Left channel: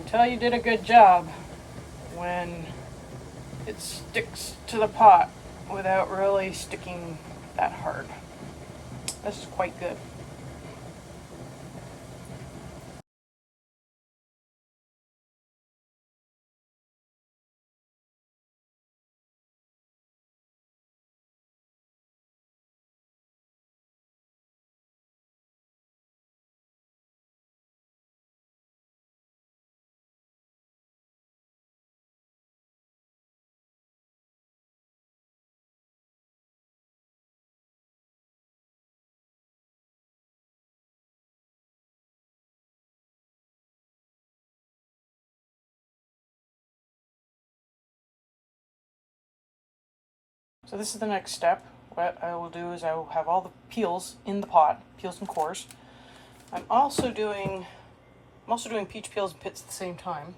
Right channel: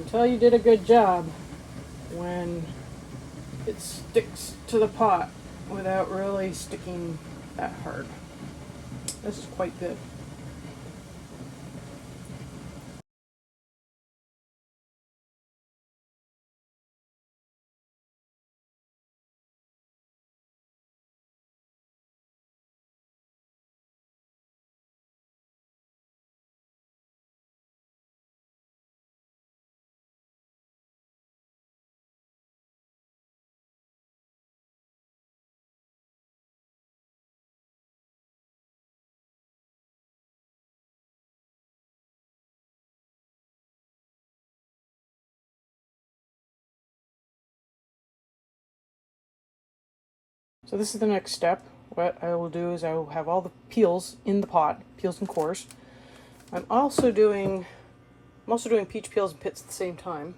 can tell you did a good job when it sticks to the pot without really sticking that hard. This is quite good. So this is the next step. What I will do is I will have all the peels in the pot, peels and cores. I'm also doing peach peels and pits at the same time,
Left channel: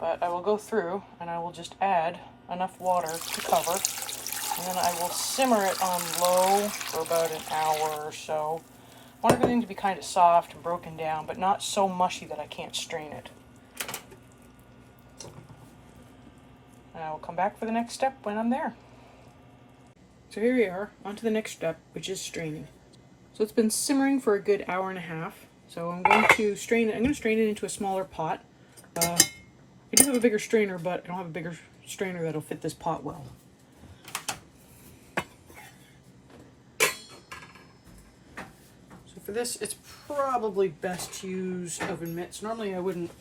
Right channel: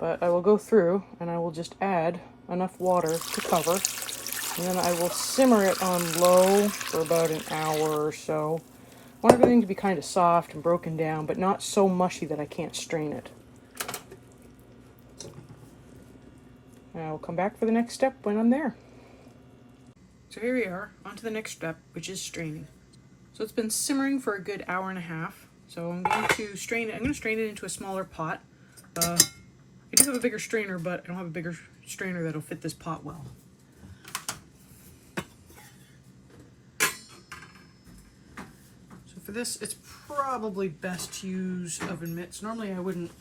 but I will go through and I will just add enough water to cover, and then I will simmer it on low for about an hour or so. I want everything to be kind of soft and broken down, but not so mushy that I can't strain it. And I will come back for the next step when I'm there. So here we are, on to the next step, which is straining. So it's been simmering for a good hour and a half. So I'm going to strain it. I'm going to strain it into a smaller pot. I do have a bigger strainer, but I don't have a bigger strainer that'll fit this pot well. So for this, it's probably best to use oven mitts. Normally I wouldn't,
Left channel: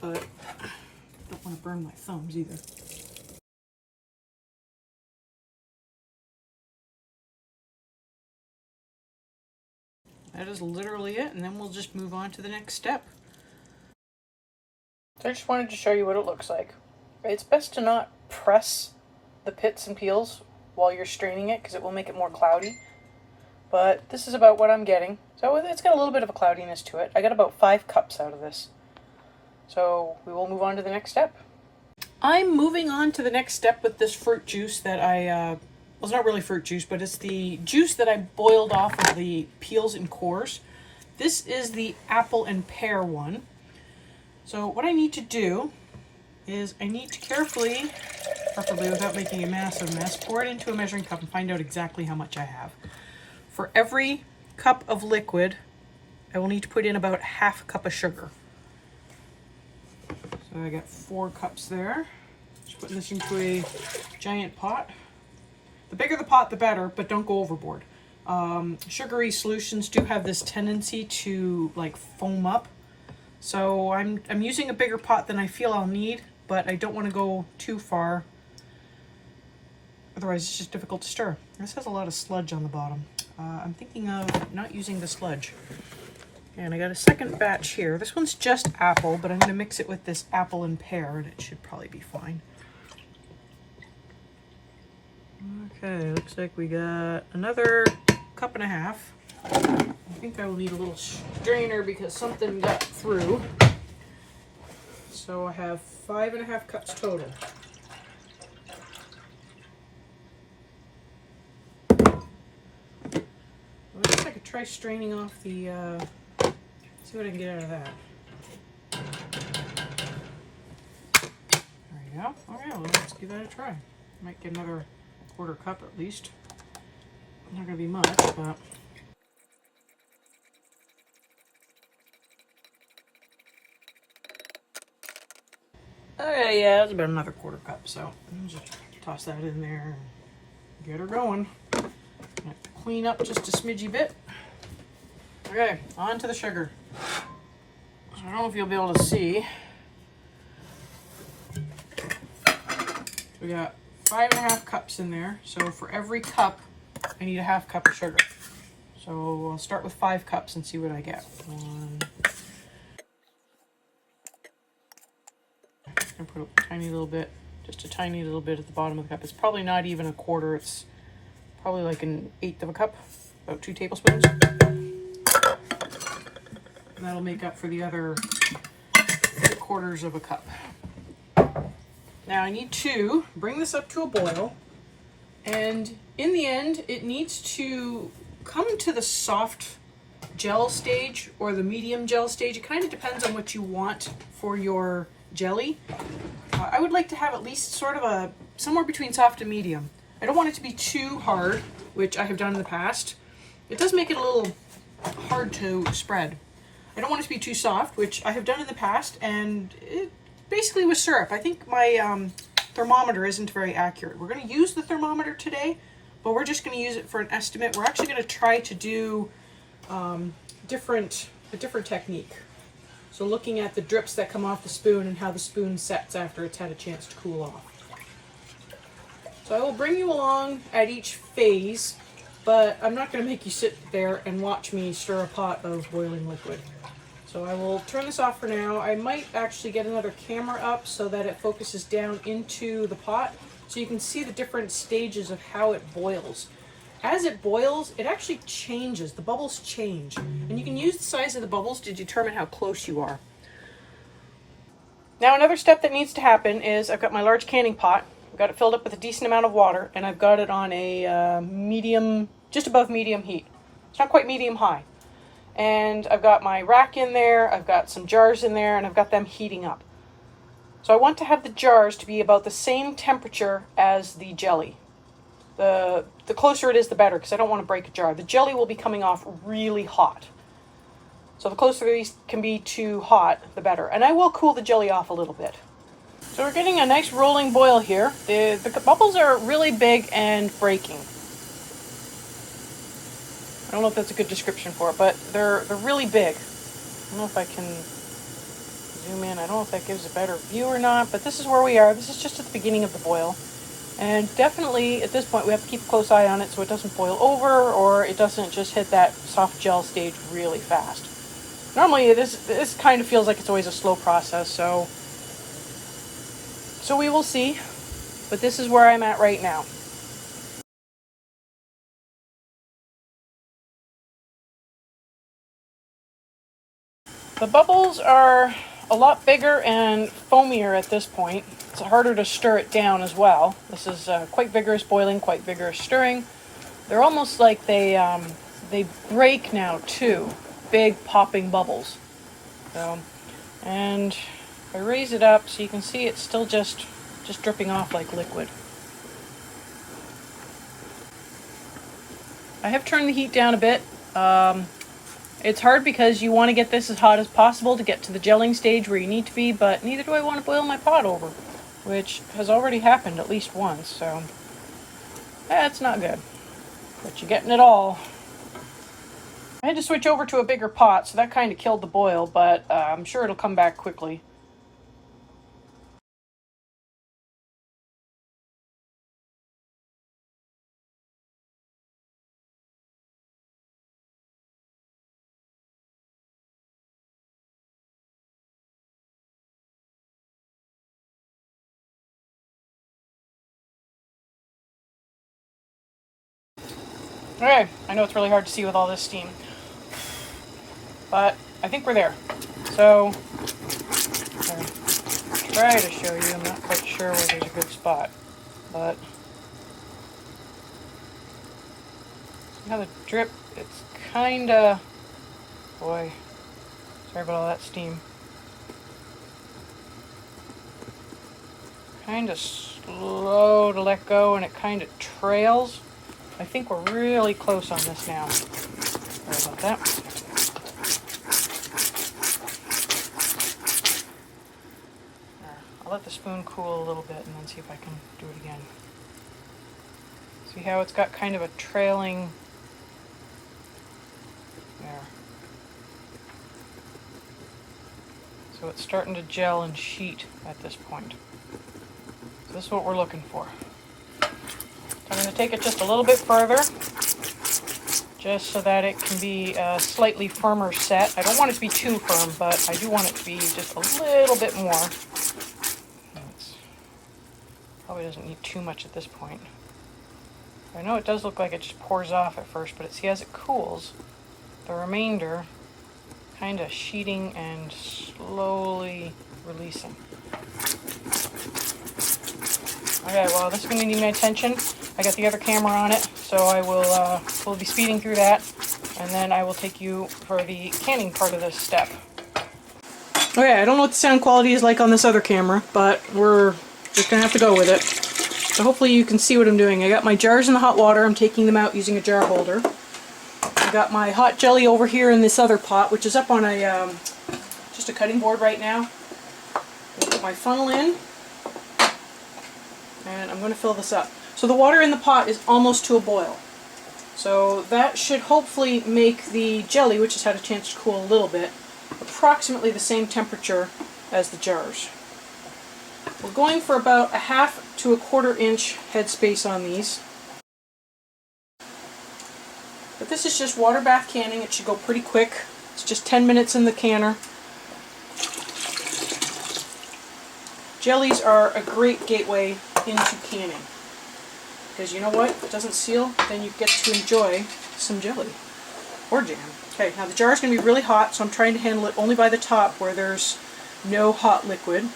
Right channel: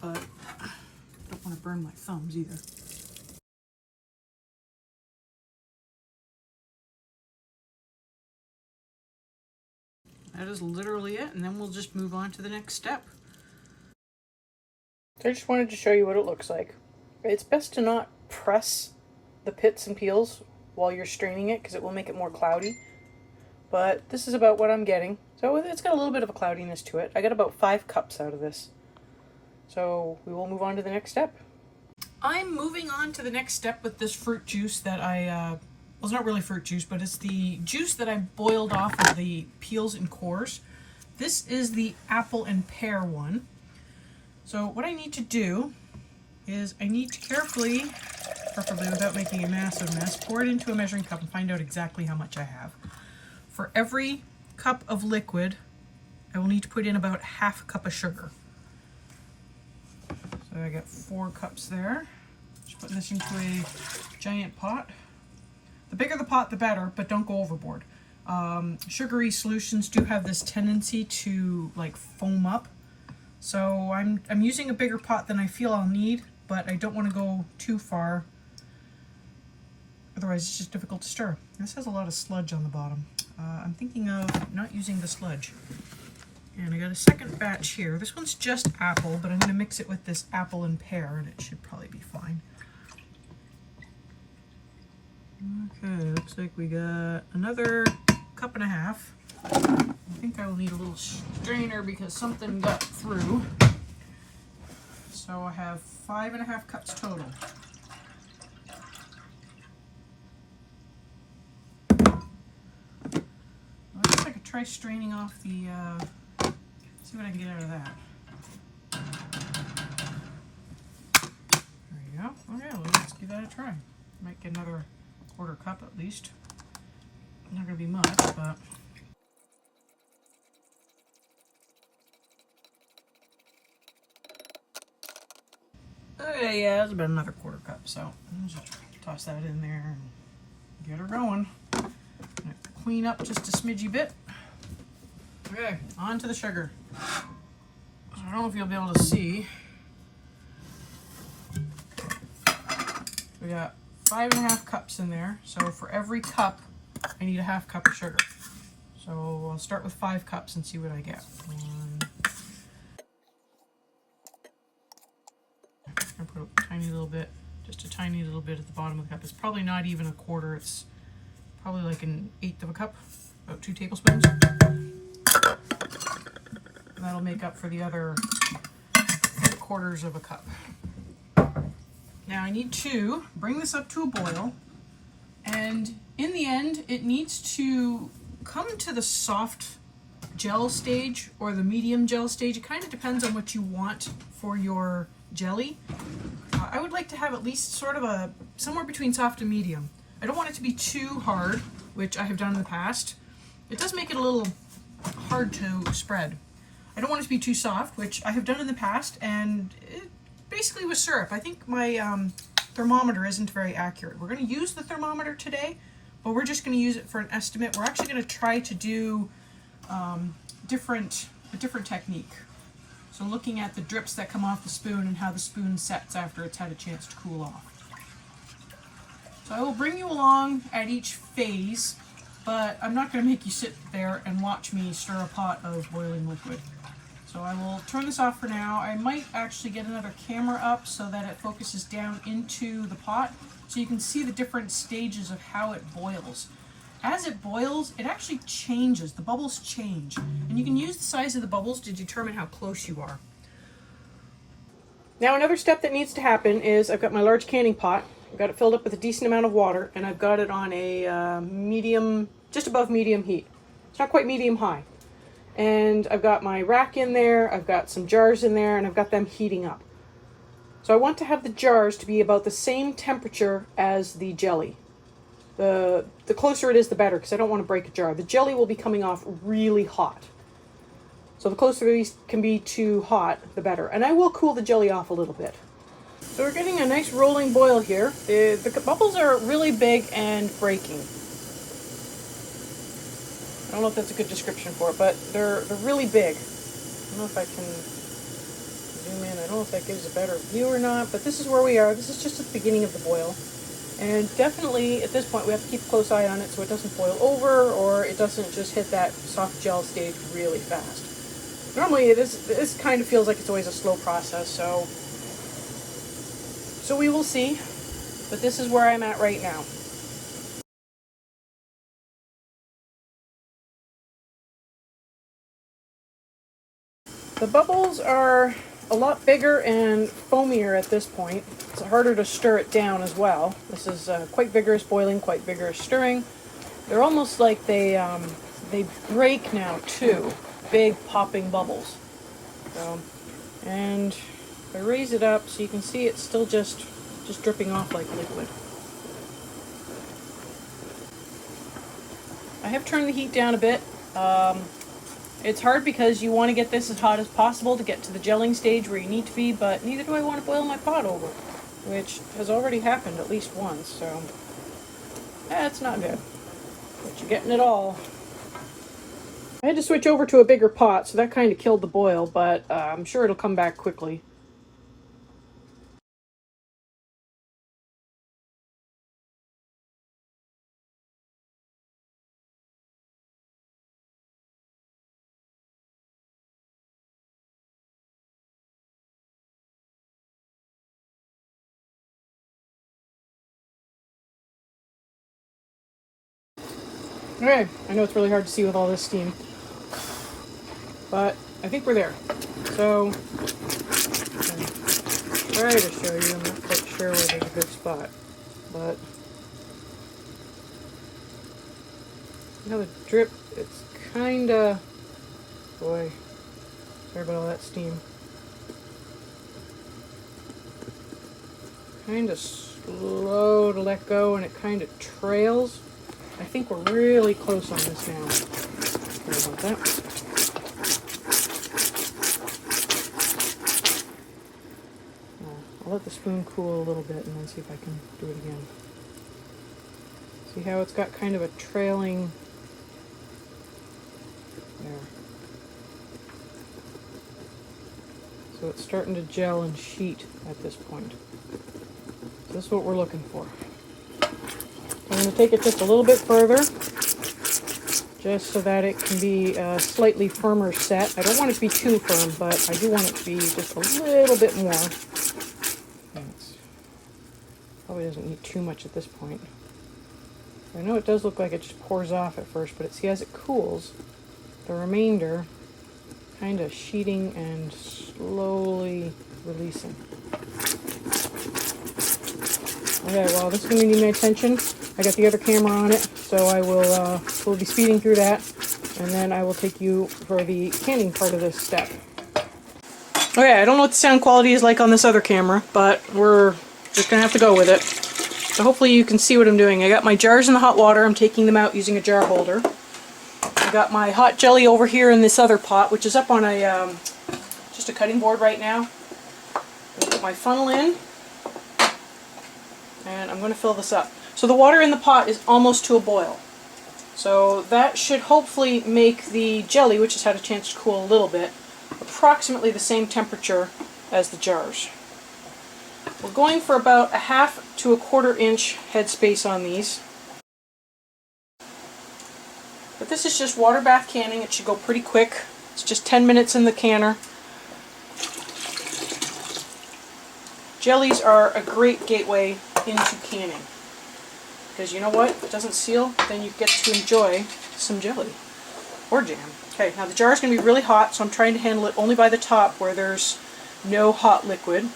but I don't want to burn my thumbs either. That is literally it, and then we'll just move on to the next step. So I just wanted to show you what it looks like. It's best to not press the pits and peels while you're straining it because it will make it more cloudy. But this is about what I'm getting. So it's got a little bit of a cloudiness to it. I got about 5 cups out of this. So we will move on to the next step. I'm moving on to the next step with this fruit juice that well, it's not really fruit juice, but it's the juice that I boiled off of the peels and cores. This is the apple and pear one. So what I need to do is I need to carefully, preferably without making a massive mess, pour it into a measuring cup and find out exactly how much I have. For every cup of liquid, I will need to put in about half a cup of sugar. So I got 4 cups there. Just putting this into a giant pot. The bigger the pot, the better, but don't go overboard. Sugary solutions do have this tendency to like foam up. So I'm using a bigger pot than I feel I'll need, but I don't want to go too far. Otherwise it's just difficult to stir. This has a lot of sludge on the bottom. I'm thinking of not using the sludge. And I got a second batch here. This one's just apple, but I'm going to mix it with this apple and pear, and it should probably be fine. Okay, looks like we got another cup and a half. I think I will need a little strainer because something got through. So I have 5.5 cups total. I guess I could try straining off the, see what I can get out of that. There we go. Okay, well, let's give that a try. Might get another 1/4 cup at least. Not gonna be much, but okay, yeah, it's about another 1/4 cup. So I'll just toss that in there and get her going. Clean up just a smidgy bit. Okay, on to the sugar. So I don't know if you'll be able to see. We got 5.5 cups in there, so for every cup I need a 1/2 cup of sugar. So I'll start with 5 cups and see what I get. And put a tiny little bit, just a tiny little bit at the bottom of the cup. It's probably not even a 1/4, it's probably like 1/8 of a cup, about 2 tablespoons. And that'll make up for the other 3/4 of a cup. Now I need to bring this up to a boil, and in the end it needs to come to the soft gel stage or the medium gel stage. It kind of depends on what you want for your jelly. I would like to have at least sort of a somewhere between soft and medium. I don't want it to be too hard, which I have done in the past. It does make it a little hard to spread. I don't want it to be too soft, which I have done in the past, and it basically was syrup. I think my thermometer isn't very accurate. We're going to use the thermometer today, but we're just going to use it for an estimate. We're actually going to try to do a different technique. So looking at the drips that come off the spoon and how the spoon sets after it's had a chance to cool off. So I will bring you along at each phase, but I'm not going to make you sit there and watch me stir a pot of boiling liquid. So I will turn this off for now. I might actually get another camera up so that it focuses down into the pot so you can see the different stages of how it boils. As it boils, it actually changes. The bubbles change. And you can use the size of the bubbles to determine how close you are. Now another step that needs to happen is I've got my large canning pot. I've got it filled up with a decent amount of water, and I've got it on a medium, just above medium heat. It's not quite medium high. And I've got my rack in there, I've got some jars in there, and I've got them heating up. So I want to have the jars to be about the same temperature as the jelly. The closer it is, the better, because I don't want to break a jar. The jelly will be coming off really hot. So the closer these can be to hot, the better. And I will cool the jelly off a little bit. So we're getting a nice rolling boil here. The bubbles are really big and breaking. I don't know if that's a good description for it, but they're really big. I don't know if I can zoom in. I don't know if that gives a better view or not, but this is where we are. This is just at the beginning of the boil. And definitely at this point we have to keep a close eye on it so it doesn't boil over or it doesn't just hit that soft gel stage really fast. Normally this kind of feels like it's always a slow process, so we will see. But this is where I'm at right now. The bubbles are a lot bigger and foamier at this point. It's harder to stir it down as well. This is quite vigorous boiling, quite vigorous stirring. They're almost like they break now too. Big popping bubbles. So, and if I raise it up so you can see it's still just dripping off like liquid. I have turned the heat down a bit. It's hard because you want to get this as hot as possible to get to the gelling stage where you need to be, but neither do I want to boil my pot over, which has already happened at least once, so that's not good. But you're getting it all. I had to switch over to a bigger pot, so that kind of killed the boil, but I'm sure it'll come back quickly. Okay, I know it's really hard to see with all this steam, but I think we're there. So, I'll try to show you. I'm not quite sure where there's a good spot, but you know the drip, it's kind of, boy, sorry about all that steam. Kind of slow to let go, and it kind of trails. I think we're really close on this now. Sorry about that. I'll let the spoon cool a little bit and then see if I can do it again. See how it's got kind of a trailing there. So it's starting to gel and sheet at this point. So this is what we're looking for. I'm going to take it just a little bit further, just so that it can be a slightly firmer set. I don't want it to be too firm, but I do want it to be just a little bit more. Probably doesn't need too much at this point. I know it does look like it just pours off at first, but see, as it cools, the remainder kind of sheeting and slowly releasing. Okay, well, this is going to need my attention. I got the other camera on it, so I will be speeding through that. and then I will take you for the canning part of this step. Okay, I don't know what the sound quality is like on this other camera, but we're just gonna have to go with it. So hopefully you can see what I'm doing. I got my jars in the hot water. I'm taking them out using a jar holder. I got my hot jelly over here in this other pot, which is up on a just a cutting board right now. I put my funnel in, and I'm going to fill this up. So the water in the pot is almost to a boil. So that should hopefully make the jelly, which has had a chance to cool a little bit, approximately the same temperature as the jars. We're going for about a 1/2 to 1/4 inch headspace on these. But this is just water bath canning. It should go pretty quick. It's just 10 minutes in the canner. Jellies are a great gateway into canning. Because you know what? If it doesn't seal, then you get to enjoy some jelly. Or jam. Okay, now the jar is going to be really hot, so I'm trying to handle it only by the top where there's no hot liquid.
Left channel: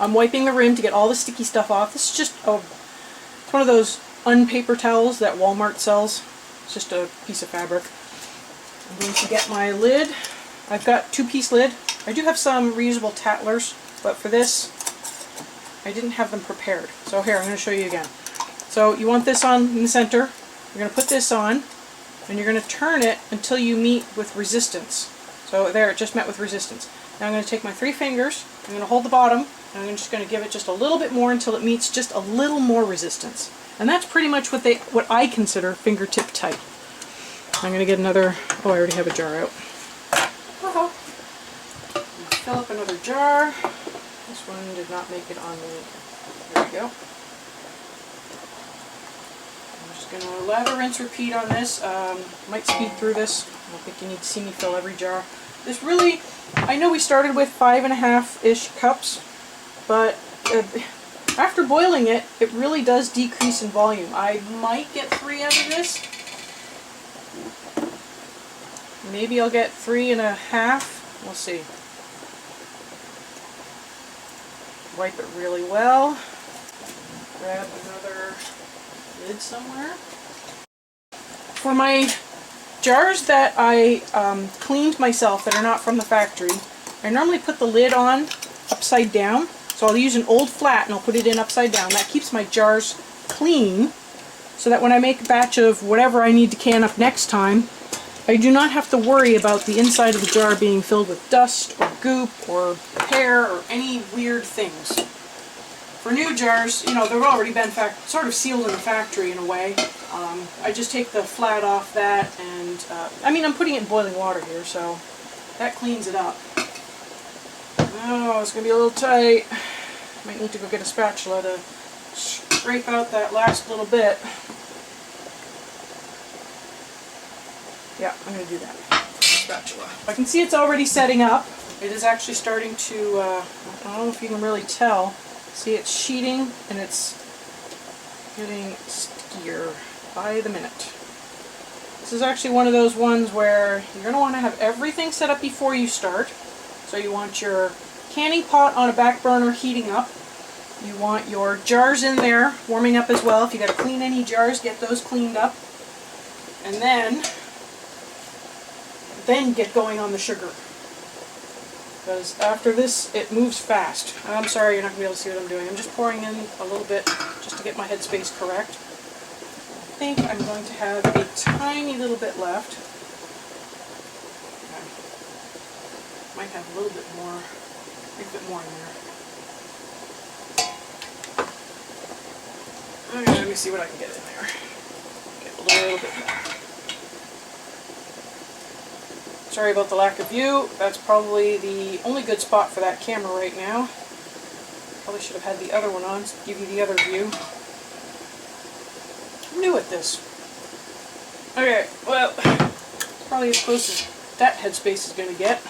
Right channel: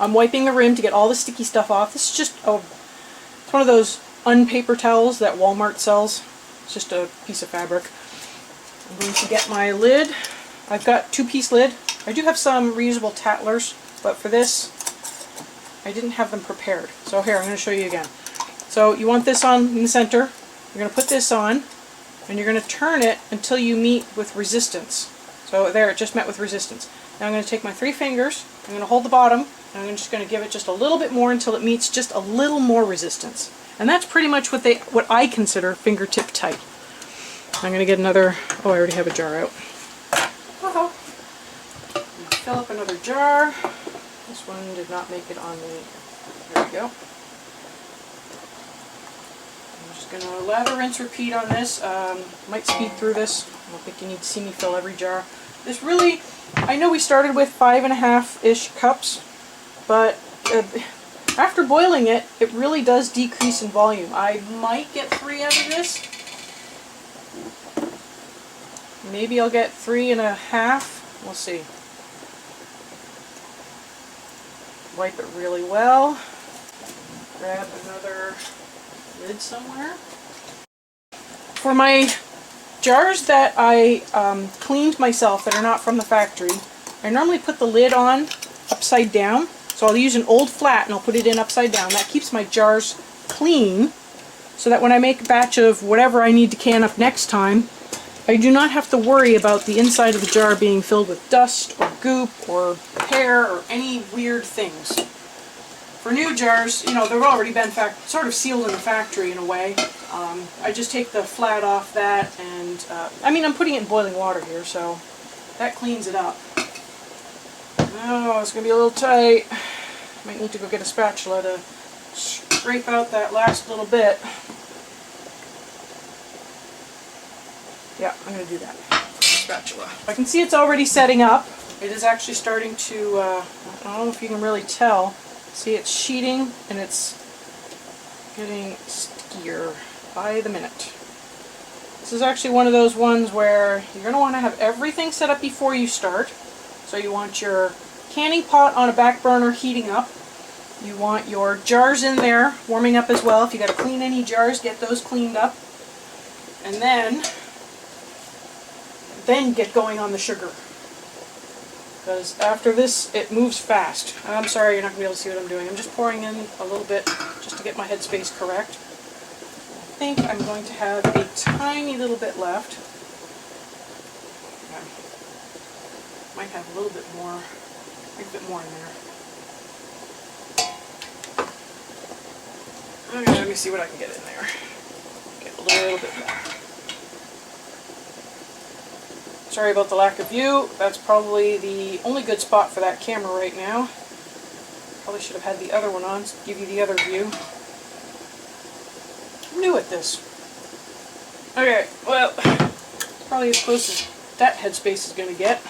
I'm wiping the rim to get all the sticky stuff off. This is just it's one of those unpaper towels that Walmart sells. It's just a piece of fabric. I'm going to get my lid. I've got 2-piece lid. I do have some reusable tattlers, but for this, I didn't have them prepared. So here, I'm going to show you again. So you want this on in the center. You're going to put this on, and you're going to turn it until you meet with resistance. So there, it just met with resistance. Now I'm going to take my 3 fingers, I'm going to hold the bottom, and I'm just going to give it just a little bit more until it meets just a little more resistance. And that's pretty much what I consider fingertip tight. I'm going to get another, oh, I already have a jar out. Uh-huh. Fill up another jar. This one did not make it on the, there we go. I'm just going to lather, rinse, repeat on this. Might speed through this. I don't think you need to see me fill every jar. This really, I know we started with 5.5-ish cups, but after boiling it, it really does decrease in volume. I might get 3 out of this. Maybe I'll get 3.5. We'll see. Wipe it really well. Grab another lid somewhere. For my jars that I cleaned myself that are not from the factory, I normally put the lid on upside down. So I'll use an old flat and I'll put it in upside down. That keeps my jars clean so that when I make a batch of whatever I need to can up next time, I do not have to worry about the inside of the jar being filled with dust or goop or pear or any weird things. For new jars, you know, they've already been sort of sealed in the factory in a way. I just take the flat off that and, I mean, I'm putting it in boiling water here, so that cleans it up. Oh, it's going to be a little tight. Might need to go get a spatula to scrape out that last little bit. Yeah, I'm going to do that with the spatula. I can see it's already setting up. It is actually starting to, I don't know if you can really tell. See, it's sheeting and it's getting stickier by the minute. This is actually one of those ones where you're going to want to have everything set up before you start. So you want your canning pot on a back burner heating up. You want your jars in there warming up as well. If you got to clean any jars, get those cleaned up. And then get going on the sugar. Because after this, it moves fast. I'm sorry, you're not going to be able to see what I'm doing. I'm just pouring in a little bit just to get my headspace correct. I think I'm going to have a tiny little bit left. Okay. Might have a little bit more, in there. Okay, let me see what I can get in there. Get a little bit more. Sorry about the lack of view. That's probably the only good spot for that camera right now. Probably should have had the other one on to give you the other view. I'm new at this. Okay, well, probably as close as that headspace is going to get.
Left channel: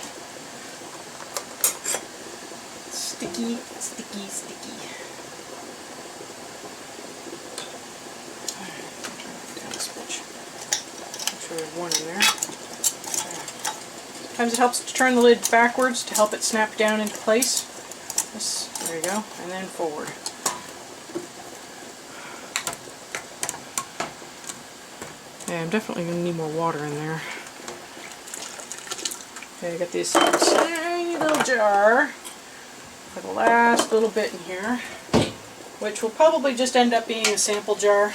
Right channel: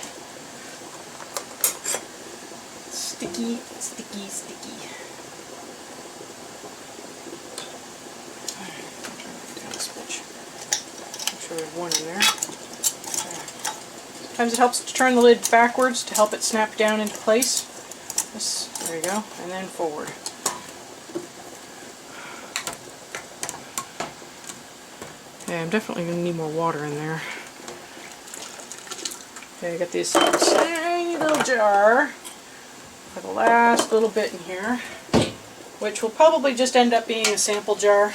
Sticky, sticky, sticky. Alright, I'll turn it down a smidge. Make sure there's one in there. Sometimes it helps to turn the lid backwards to help it snap down into place. This, there you go, and then forward. Yeah, I'm definitely going to need more water in there. Okay, I got this tiny little jar for the last little bit in here, which will probably just end up being a sample jar.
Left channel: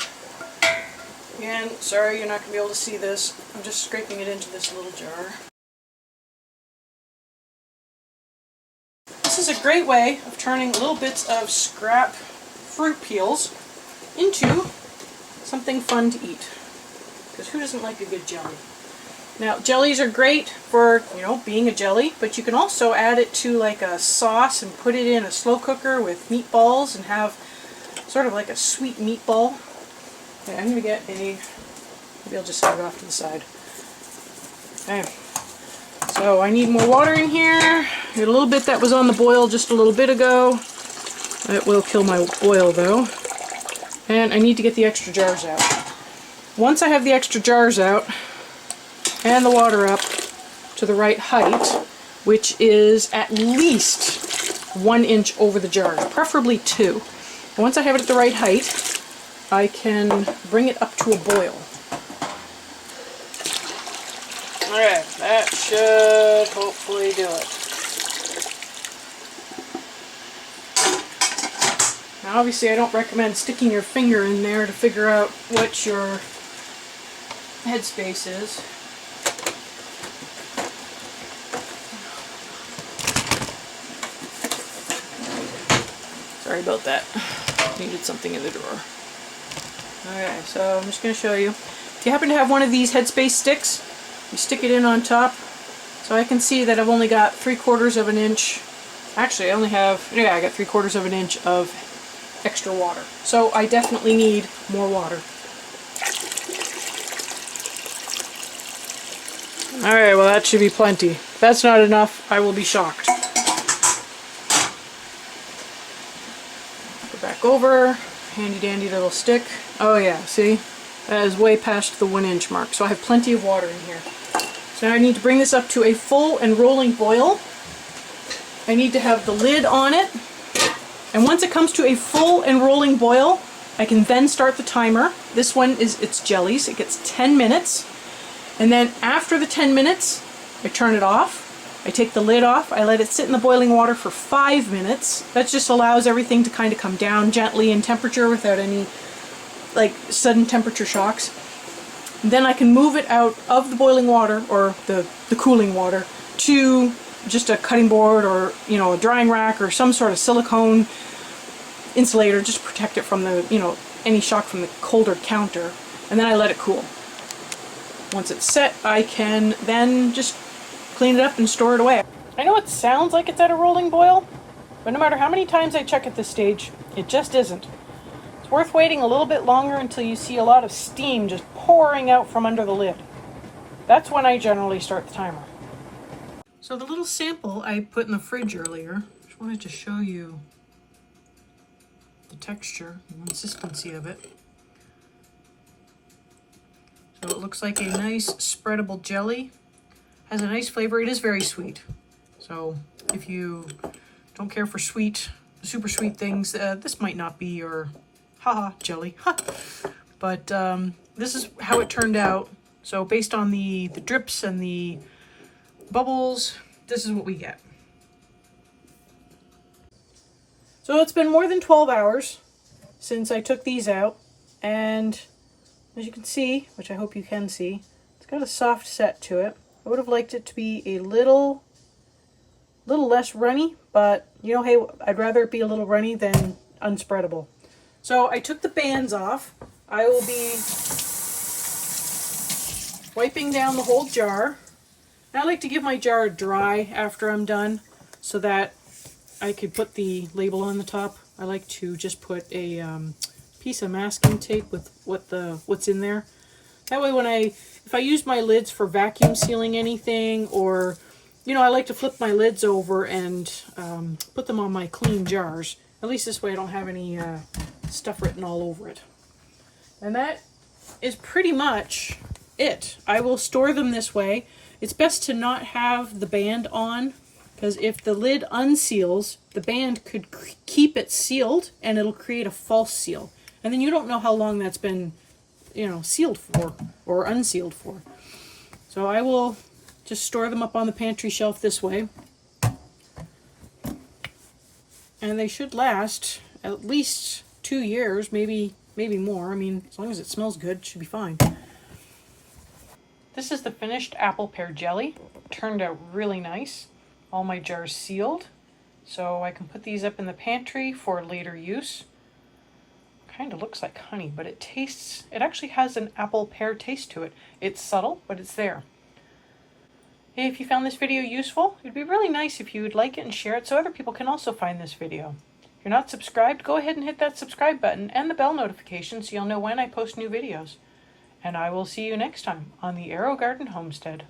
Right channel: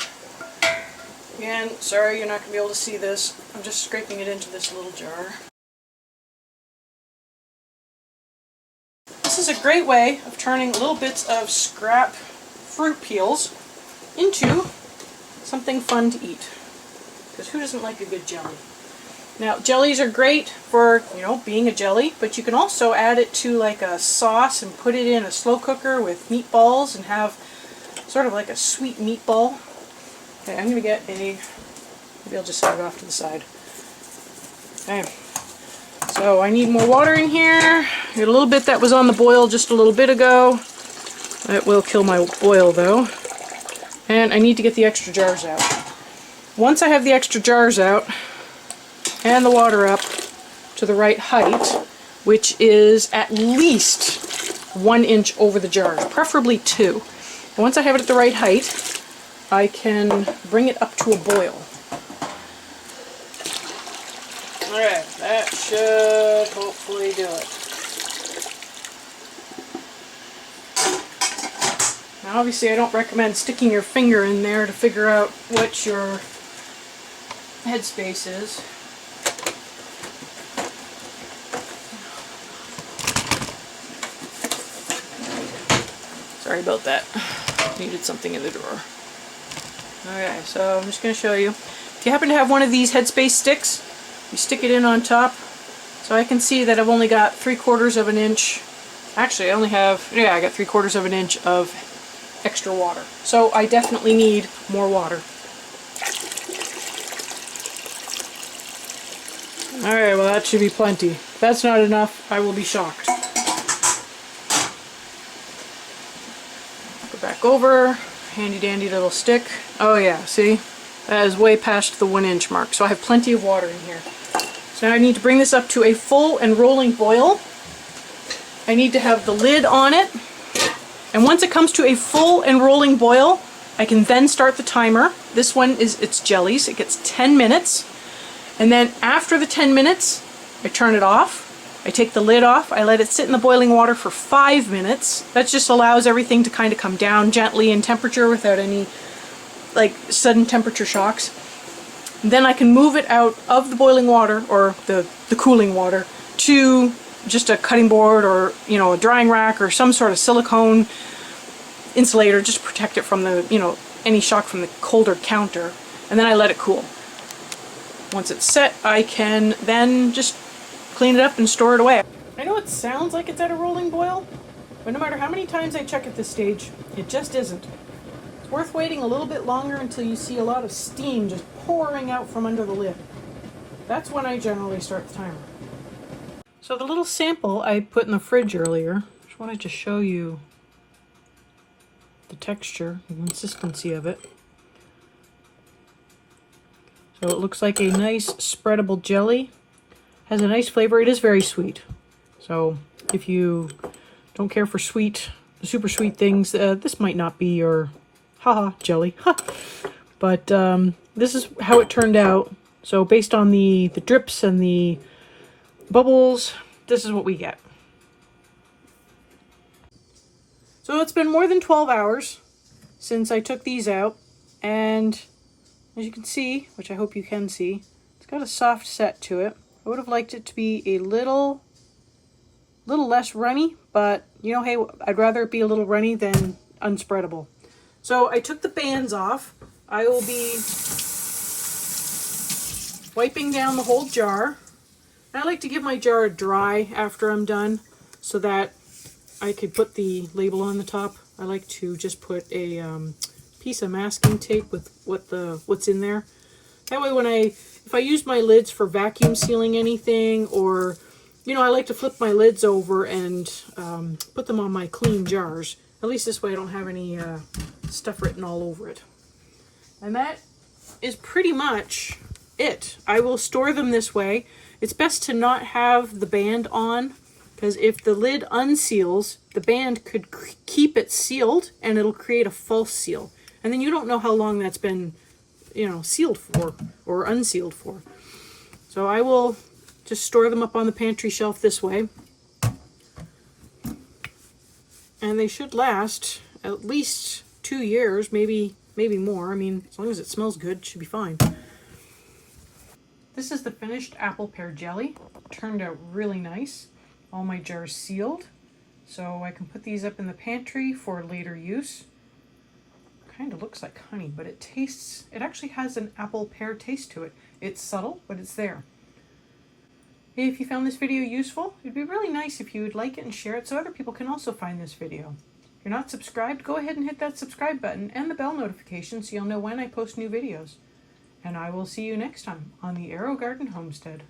Again, sorry you're not going to be able to see this. I'm just scraping it into this little jar. This is a great way of turning little bits of scrap fruit peels into something fun to eat. Because who doesn't like a good jelly? Now, jellies are great for, you know, being a jelly, but you can also add it to like a sauce and put it in a slow cooker with meatballs and have sort of like a sweet meatball. Okay, I'm going to get maybe I'll just set it off to the side. Okay, so I need more water in here. Got a little bit that was on the boil just a little bit ago. It will kill my boil though. And I need to get the extra jars out. Once I have the extra jars out, and the water up to the right height, which is at least 1 inch over the jars, preferably 2. And once I have it at the right height, I can bring it up to a boil. Alright, that should hopefully do it. Now obviously I don't recommend sticking your finger in there to figure out what your headspace is. Sorry about that. Needed something in the drawer. Okay, so I'm just going to show you. If you happen to have one of these headspace sticks, you stick it in on top. So I can see that I've only got 3/4 of an inch. Actually, I only have, yeah, I got 3/4 of an inch of extra water. So I definitely need more water. Alright, well that should be plenty. If that's not enough, I will be shocked. Go back over, handy dandy little stick. Oh yeah, see? That is way past the 1 inch mark, so I have plenty of water in here. So now I need to bring this up to a full and rolling boil. I need to have the lid on it. And once it comes to a full and rolling boil, I can then start the timer. This one is its jellies. It gets 10 minutes. And then after the 10 minutes, I turn it off. I take the lid off. I let it sit in the boiling water for 5 minutes. That just allows everything to kind of come down gently in temperature without any like sudden temperature shocks. And then I can move it out of the boiling water or the cooling water to just a cutting board or, you know, a drying rack or some sort of silicone insulator just to protect it from the, you know, any shock from the colder counter. And then I let it cool. Once it's set, I can then just clean it up and store it away. I know it sounds like it's at a rolling boil, but no matter how many times I check at this stage, it just isn't. It's worth waiting a little bit longer until you see a lot of steam just pouring out from under the lid. That's when I generally start the timer. So the little sample I put in the fridge earlier, just wanted to show you the texture and consistency of it. So it looks like a nice spreadable jelly. Has a nice flavor. It is very sweet. So if you don't care for sweet, super sweet things, this might not be your haha jelly. But this is how it turned out. So based on the drips and the bubbles, this is what we get. So it's been more than 12 hours since I took these out, and as you can see, which I hope you can see, it's got a soft set to it. I would have liked it to be a little less runny, but you know, hey, I'd rather it be a little runny than unspreadable. So I took the bands off. I will be wiping down the whole jar. I like to give my jar dry after I'm done so that I could put the label on the top. I like to just put a piece of masking tape with what's in there. That way if I use my lids for vacuum sealing anything, or, you know, I like to flip my lids over and put them on my clean jars. At least this way I don't have any stuff written all over it. And that is pretty much it. I will store them this way. It's best to not have the band on, because if the lid unseals, the band could keep it sealed and it'll create a false seal. And then you don't know how long that's been, you know, sealed for or unsealed for. So I will Just store them up on the pantry shelf this way. And they should last at least 2 years, maybe more. I mean, as long as it smells good, it should be fine. This is the finished apple pear jelly. Turned out really nice. All my jars sealed. So I can put these up in the pantry for later use. Kind of looks like honey, but it actually has an apple pear taste to it. It's subtle, but it's there. Hey, if you found this video useful, it'd be really nice if you would like it and share it so other people can also find this video. If you're not subscribed, go ahead and hit that subscribe button and the bell notification so you'll know when I post new videos. And I will see you next time on the Aerogarden Homestead.